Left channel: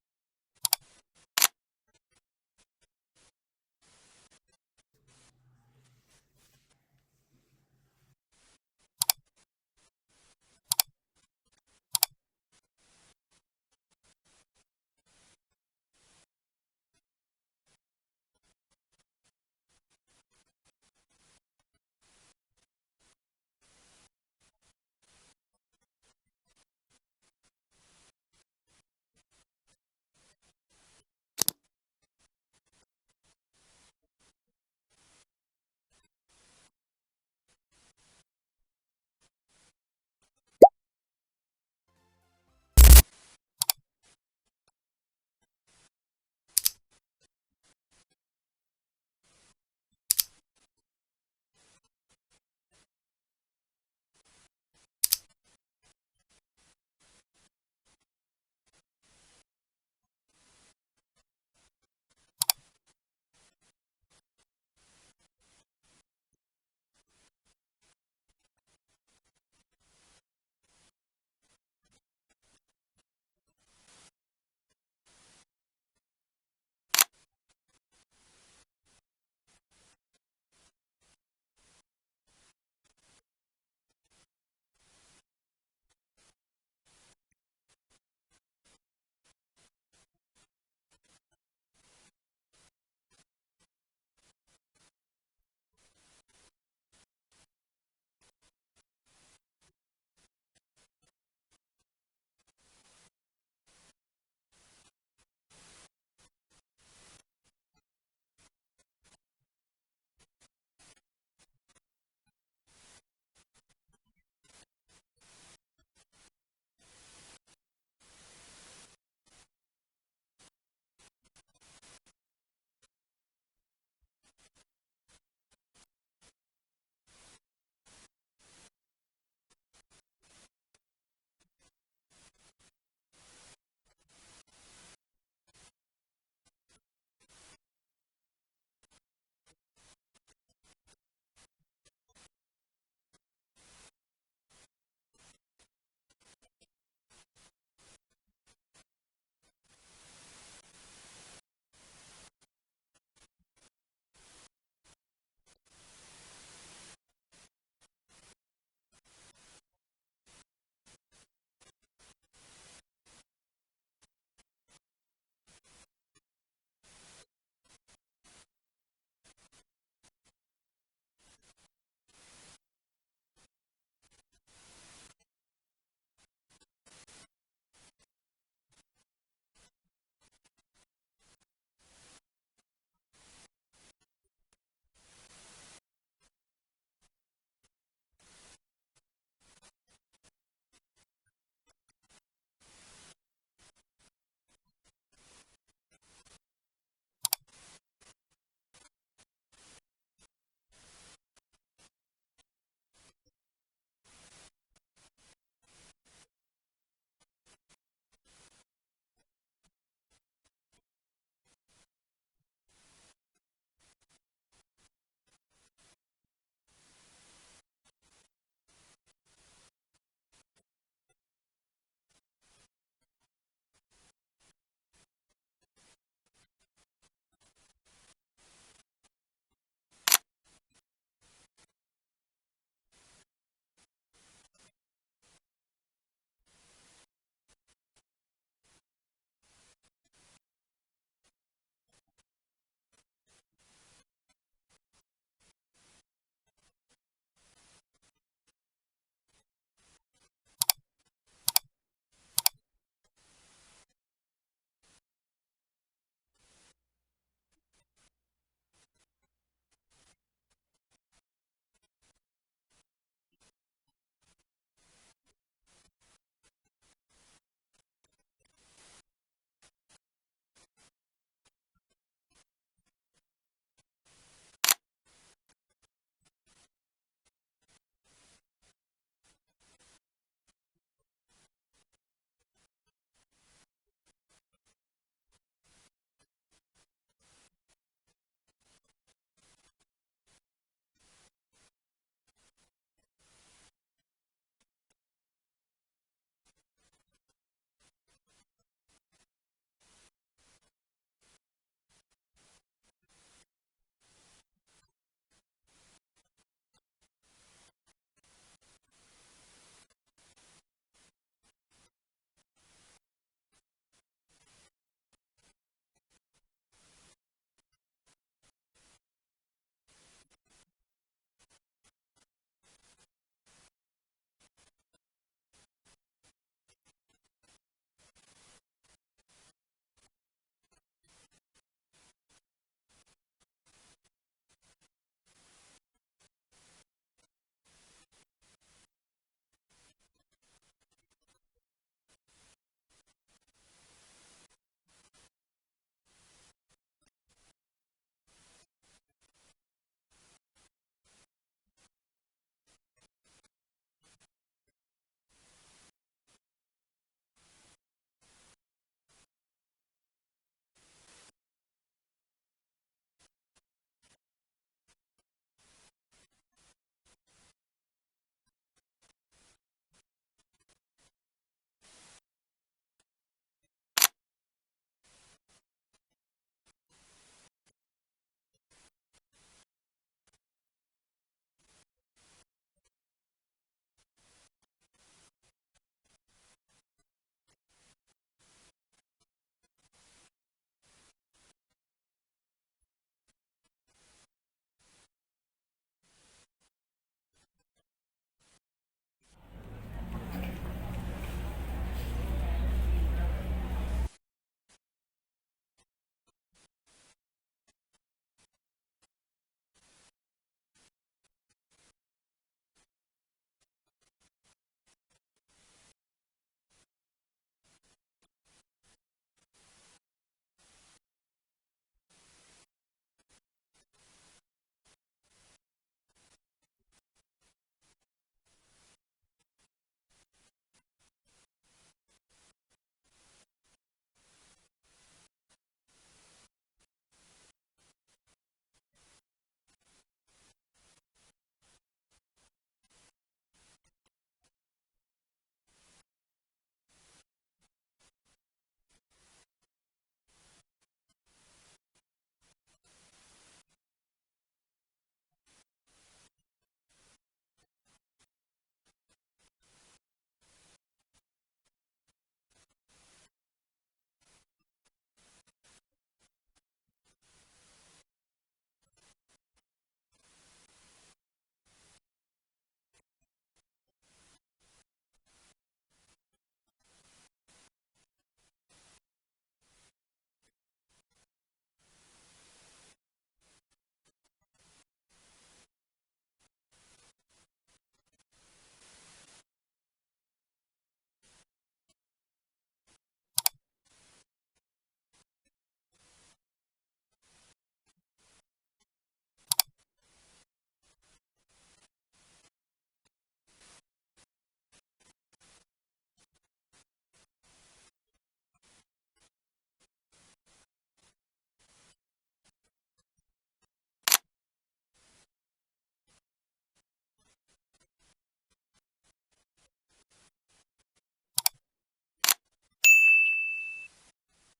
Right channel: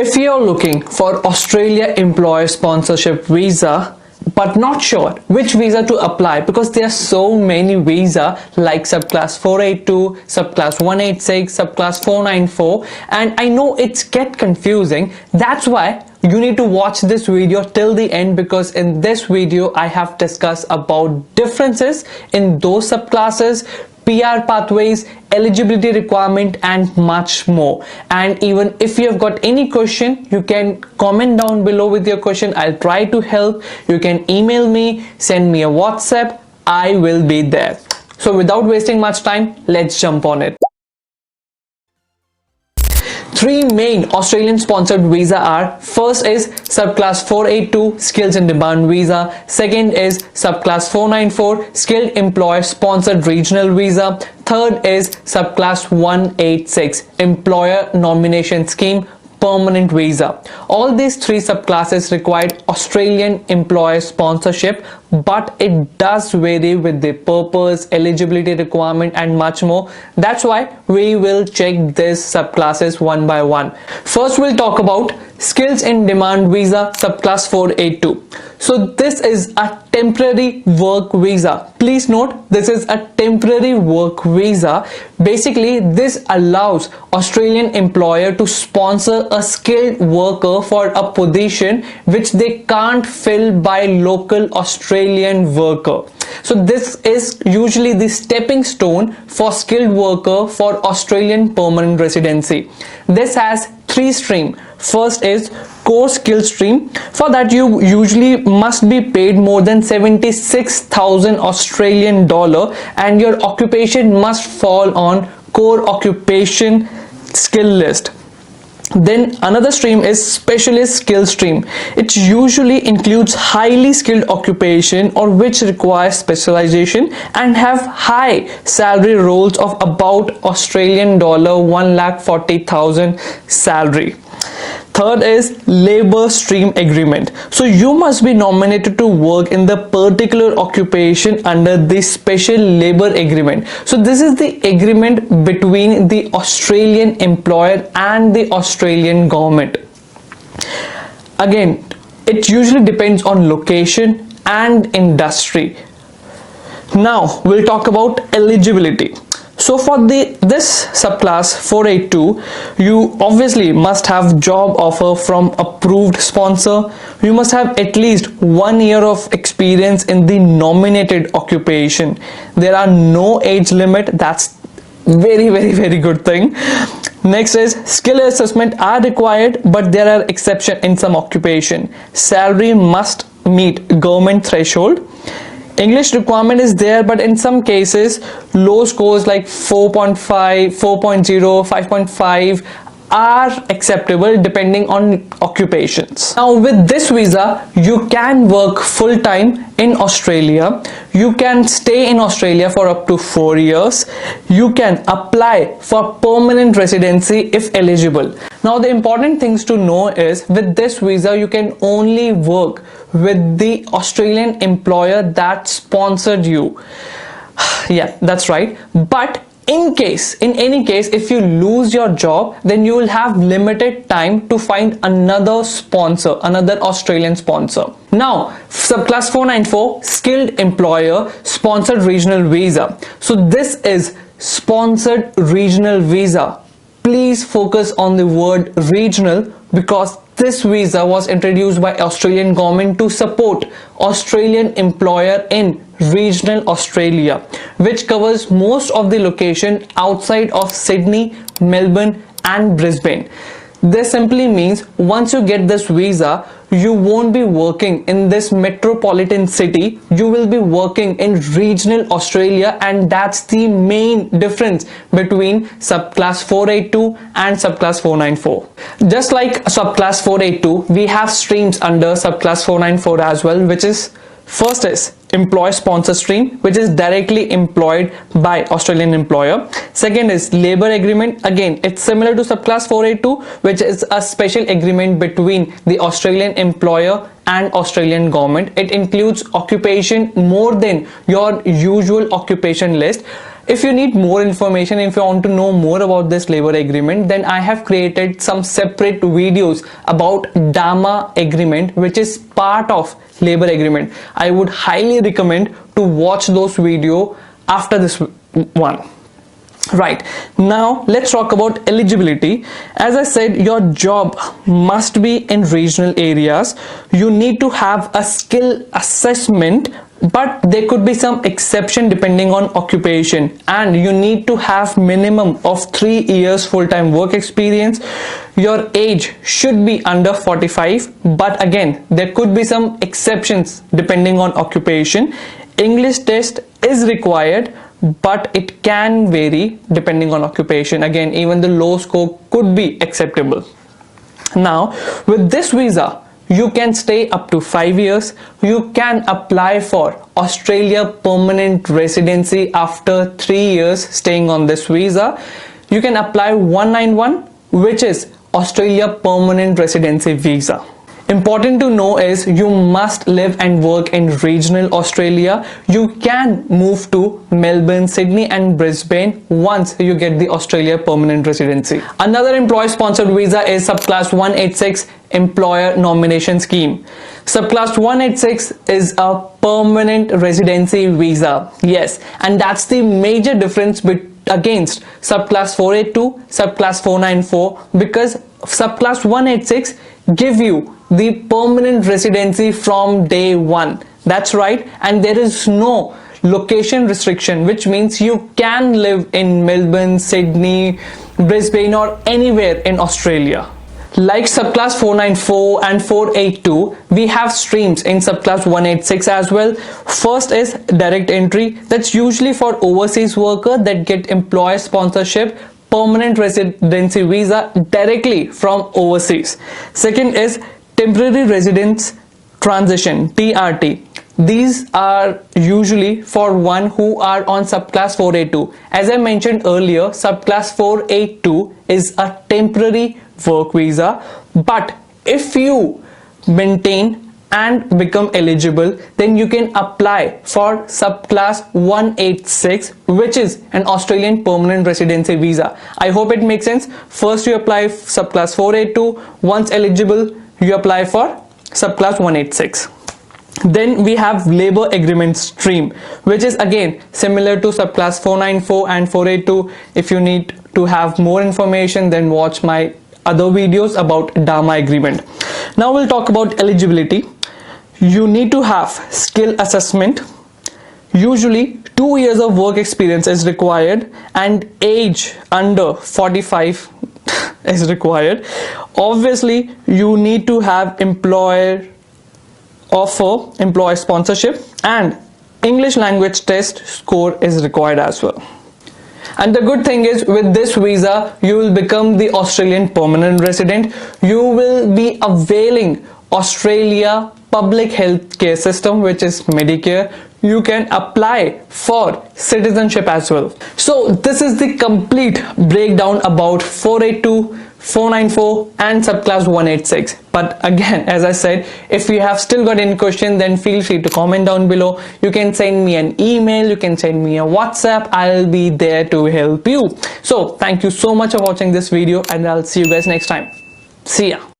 If you're looking for Australia employer sponsorship visa but not sure which visa to apply because there are so many visa like subclass 482, subclass 186, subclass 494, and I know it's get confusing. That's why you need to watch this video till the end, because in this video I have discussed about differences in those subclasses, PR pathways, eligibility requirement and much more. And even if you have got any question, you can comment down below with your question. I'll try to help. You can email me, send me a WhatsApp. I will be there. So without wasting much time, let's jump on it. Three main Australian sponsored visa are: first is subclass 482 skills in demand visa, second is subclass 494 skilled employer sponsored regional visa, third is subclass 186 employer nomination scheme permanent visa. All these three subclasses required Australian employer sponsorship, but it does vary with the purpose, eligibility requirement and much more. That's why we will check these subclasses one by one. First we'll talk about skills in demand visa subclass 482. So this is a temporary work visa. Please note, this is a temporary work visa. Basically this allows Australian employer to sponsor a skilled worker for a position which they can't fill by local Australian worker. So this is usually the stepping stone for skilled worker for Australian permanent residency. This has three streams. First is core skill stream. For that you usually must be paid more than 76,000 Australian dollar and your occupation must fall on core occupation skill list. Then another stream is specialist skill stream. It usually includes highly skilled occupation or which requires specialization and have high salary roles of about Australian dollar 1,40,000 salary. Third is labor stream agreement. So you must be nominated to work in the particular occupation under the special labor agreement. So this is the agreement between the Australian employer and the Australian government. Again, it usually depends on location and industry. Now we'll talk about eligibility. So for this subclass 482, you obviously must have job offer from approved sponsor. You must have at least 1 year of experience in the nominated occupation. There are no age limit. That's very good thing. Next is skill assessment are required, but there are exceptions in some occupation. Salary must meet government threshold. English requirement is there, but in some cases low scores like 4.5, 4.0, 5.5 are acceptable depending on occupations. Now with this visa you can work full-time in Australia, you can stay in Australia for up to 4 years, you can apply for permanent residency if eligible. Now the important things to know is with this visa you can only work with the Australian employer that sponsored you. Yeah, that's right. But in any case, if you lose your job, then you will have limited time to find another sponsor, another Australian sponsor. Now, subclass 494, skilled employer sponsored regional visa. So this is sponsored regional visa. Please focus on the word regional because this visa was introduced by Australian government to support Australian employer in regional Australia, which covers most of the location outside of Sydney, Melbourne and Brisbane. This simply means once you get this visa, you won't be working in this metropolitan city, you will be working in regional Australia, and that's the main difference between subclass 482 and subclass 494. Just like subclass 482, we have streams under subclass 494 as well, which is first is employer sponsor stream, which is directly employed by Australian employer. Second is labor agreement. Again, it's similar to subclass 482, which is a special agreement between the Australian employer and Australian government. It includes occupation more than your usual occupation list. If you need more information, if you want to know more about this labor agreement, then I have created some separate videos about DAMA agreement, which is part of labor agreement. I would highly recommend to watch those videos after this one. Right, now let's talk about eligibility. As I said, your job must be in regional areas. You need to have a skill assessment, but there could be some exception depending on occupation, and you need to have minimum of 3 years full-time work experience. Your age should be under 45, but again there could be some exceptions depending on occupation. English test is required, but it can vary depending on occupation. Again, even the low score could be acceptable. Now with this visa, you can stay up to 5 years. You can apply for Australia permanent residency after 3 years staying on this visa. You can apply 191, which is Australia permanent residency visa. Important to know is you must live and work in regional Australia. You can move to Melbourne, Sydney and Brisbane once you get the Australia permanent residency. Another employer sponsored visa is Subclass 186 Employer Nomination Scheme. Subclass 186 is a permanent residency visa. Yes, and that's the major difference against Subclass 482, Subclass 494, because Subclass 186 give you the permanent residency from day one. That's right, and there is no location restriction, which means you can live in Melbourne, Sydney, Brisbane or anywhere in Australia. Like Subclass 494 and 482, we have streams in Subclass 186 as well. First is direct entry. That's usually for overseas workers that get employer sponsorship permanent residency visa directly from overseas. Second is temporary residence transition, TRT. These are usually for one who are on Subclass 482. As I mentioned earlier, Subclass 482 is a temporary work visa, but if you maintain and become eligible, then you can apply for Subclass 186, which is an Australian permanent residency visa. I hope it makes sense. First you apply Subclass 482, once eligible you apply for Subclass 186. Then we have labor agreement stream, which is again similar to Subclass 494 and 482. If you need to have more information, then watch my other videos about DAMA agreement. Now we'll talk about eligibility. You need to have skill assessment. Usually 2 years of work experience is required and age under 45 is required. Obviously you need to have employer offer, employer sponsorship, and English language test score is required as well. And the good thing is, with this visa you will become the Australian permanent resident. You will be availing Australia public health care system, which is Medicare. You can apply for citizenship as well. So this is the complete breakdown about 482, 494 and Subclass 186. But again, as I said, if you have still got any question, then feel free to comment down below. You can send me an email, you can send me a WhatsApp. I'll be there to help you. So thank you so much for watching this video, and I'll see you guys next time. See ya.